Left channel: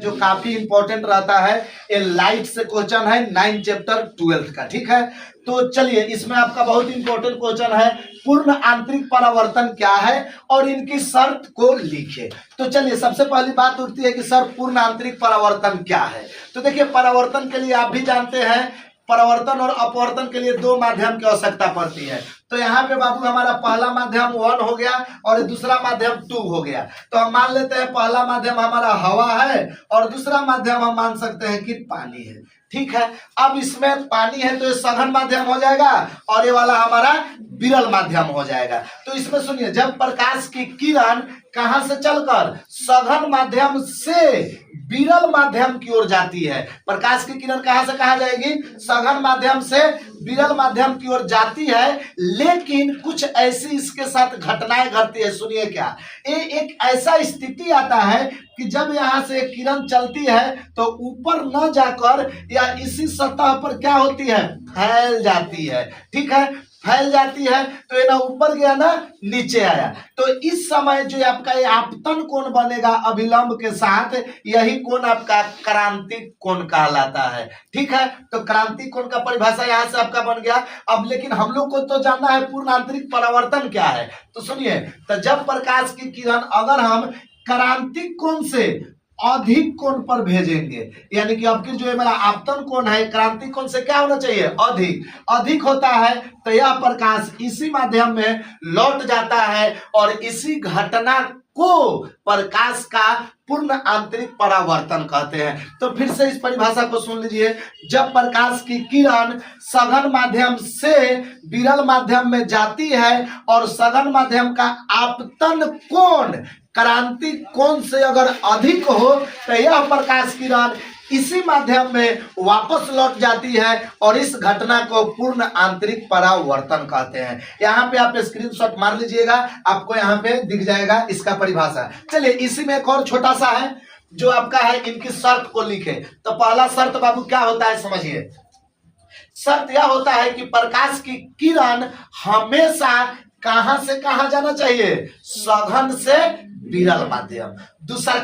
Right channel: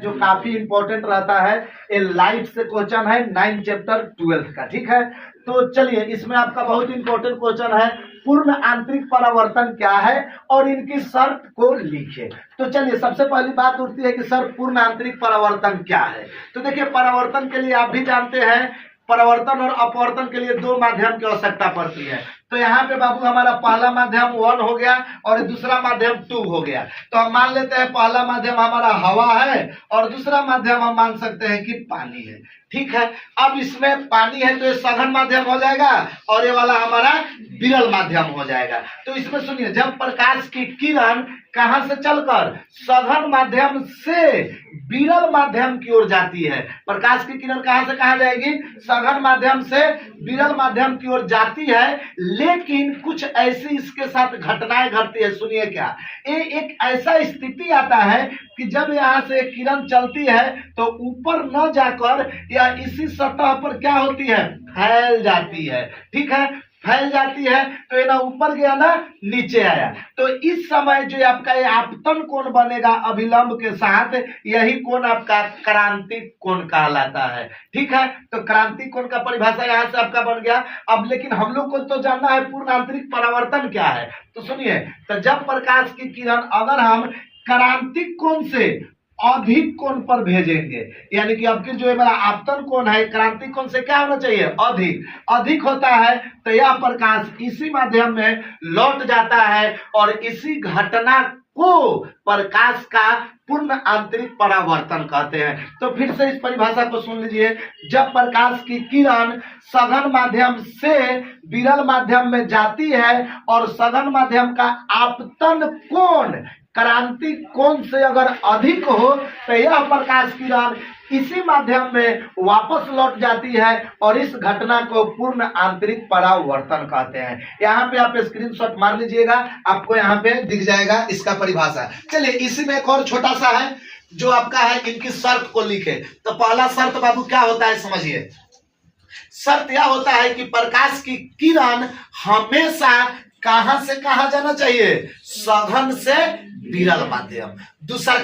जो काफी इंपॉर्टेंट रहता है। ये लाइट से क्वेश्चन है 9 चैप्टर 12 का, ठीक है। तो चलिए इसमें आपका बहुत इंपॉर्टेंट क्वेश्चन है, पूर्ण आंतरिक परावर्तन क्या है और इनकी शर्त को लिखे। तो चलिए सबसे पहली बात उठती है कि सर पूर्ण आंतरिक परावर्तन क्या है। तो देखिए परावर्तन के लिए आप भी जानते हैं, परावर्तन और अपवर्तन के लिए दो माध्यम की आवश्यकता पड़ती है। तो यहाँ पे बाबू हमारा पहला माध्यम 1 हो गया और दूसरा माध्यम 2 हो गया। तो हम मान लेते हैं पहला माध्यम हमारा हवा है और दूसरा माध्यम हम मान सकते हैं कि पानी है, ठीक है। अब इसमें पानी है तो ये सघन माध्यम हो जाएगा और ये वाला हमारा विरल माध्यम हो जाएगा। तो इसमें सुनिए, जब प्रकाश की किरण कहां से चलकर सघन माध्यम से विरल माध्यम की ओर जाती है, प्रकाश की किरण कहां से कहां जाएगी, सघन माध्यम से विरल माध्यम की ओर जाती है, लेकिन कुछ ऐसी इसके साथ घटनाएं घटती है। सुनिए क्या, ये एक ऐसा स्थिति आता है कि जब यहां से किरण चलती है तो ऊपर न जाकर या इसी सतह पर क्या होती है, फैल जाती है, ठीक है। फैल जाती है तो ये ना ऊपर गया ना नीचे आया। तो इस समय जो आपका ये आपतन कोण बनेगा अभिलंब के साथ, यही कोण आपका क्रांतिक कोण कहलाता है, ठीक है। तो क्रांतिक कोण का परिभाषा यहां से आपका बन गया। अब लेकिन हम लोग को तो जानना है पूर्ण आंतरिक परावर्तन क्या है। तो सुनिए, तो जब प्रकाश की किरण अगर हम क्रांतिक कोण से अधिक कोण पर भेजेंगे, यानी कि अब जो मेरा आपतन कोण है क्रांतिक कोण से क्या होना चाहिए, अधिक होता है, तो यह प्रकाश इसी माध्यम में लौट जाता है और इसी घटना को प्रकाश का पूर्ण आंतरिक परावर्तन कहते हैं। तो फिर से इस परिभाषा को सुन लीजिए, जब प्रकाश की किरण सघन माध्यम से विरल माध्यम में जाती है और सघन माध्यम का आपतन कोण क्रांतिक कोण से अगर अधिक हो तो यह प्रकाश किरण इसी माध्यम में वापस लौट जाती है और इस घटना को पूर्ण आंतरिक परावर्तन कहते हैं। यहाँ पे आप स्क्रीनशॉट मार लीजिएगा, आपको यहाँ पे दिख जाएगा इसका परिभाषा। चलिए इसी में एक और छोटा सा है जो आपका है, इनकी शर्त को लिखे। तो पहला शर्त बाबू क्या होता है समझिए, शर्त यह होता है कि प्रकाश की किरण हमेशा कहां से कहां जाना चाहिए, सघन से विरल माध्यम। दूसरा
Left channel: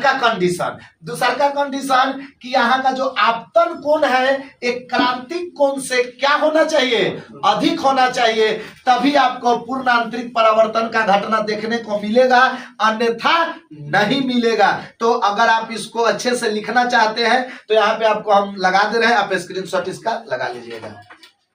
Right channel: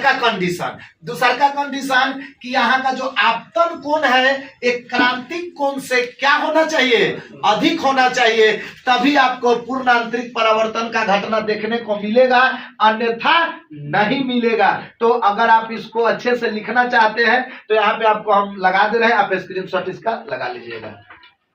कंडीशन कि यहाँ का जो आपतन कोण है एक क्रांतिक कोण से क्या होना चाहिए, अधिक होना चाहिए, तभी आपको पूर्ण आंतरिक परावर्तन का घटना देखने को मिलेगा, अन्यथा नहीं मिलेगा। तो अगर आप इसको अच्छे से लिखना चाहते हैं तो यहाँ पे आपको हम लगा दे रहे हैं, आप स्क्रीनशॉट इसका लगा लीजिएगा।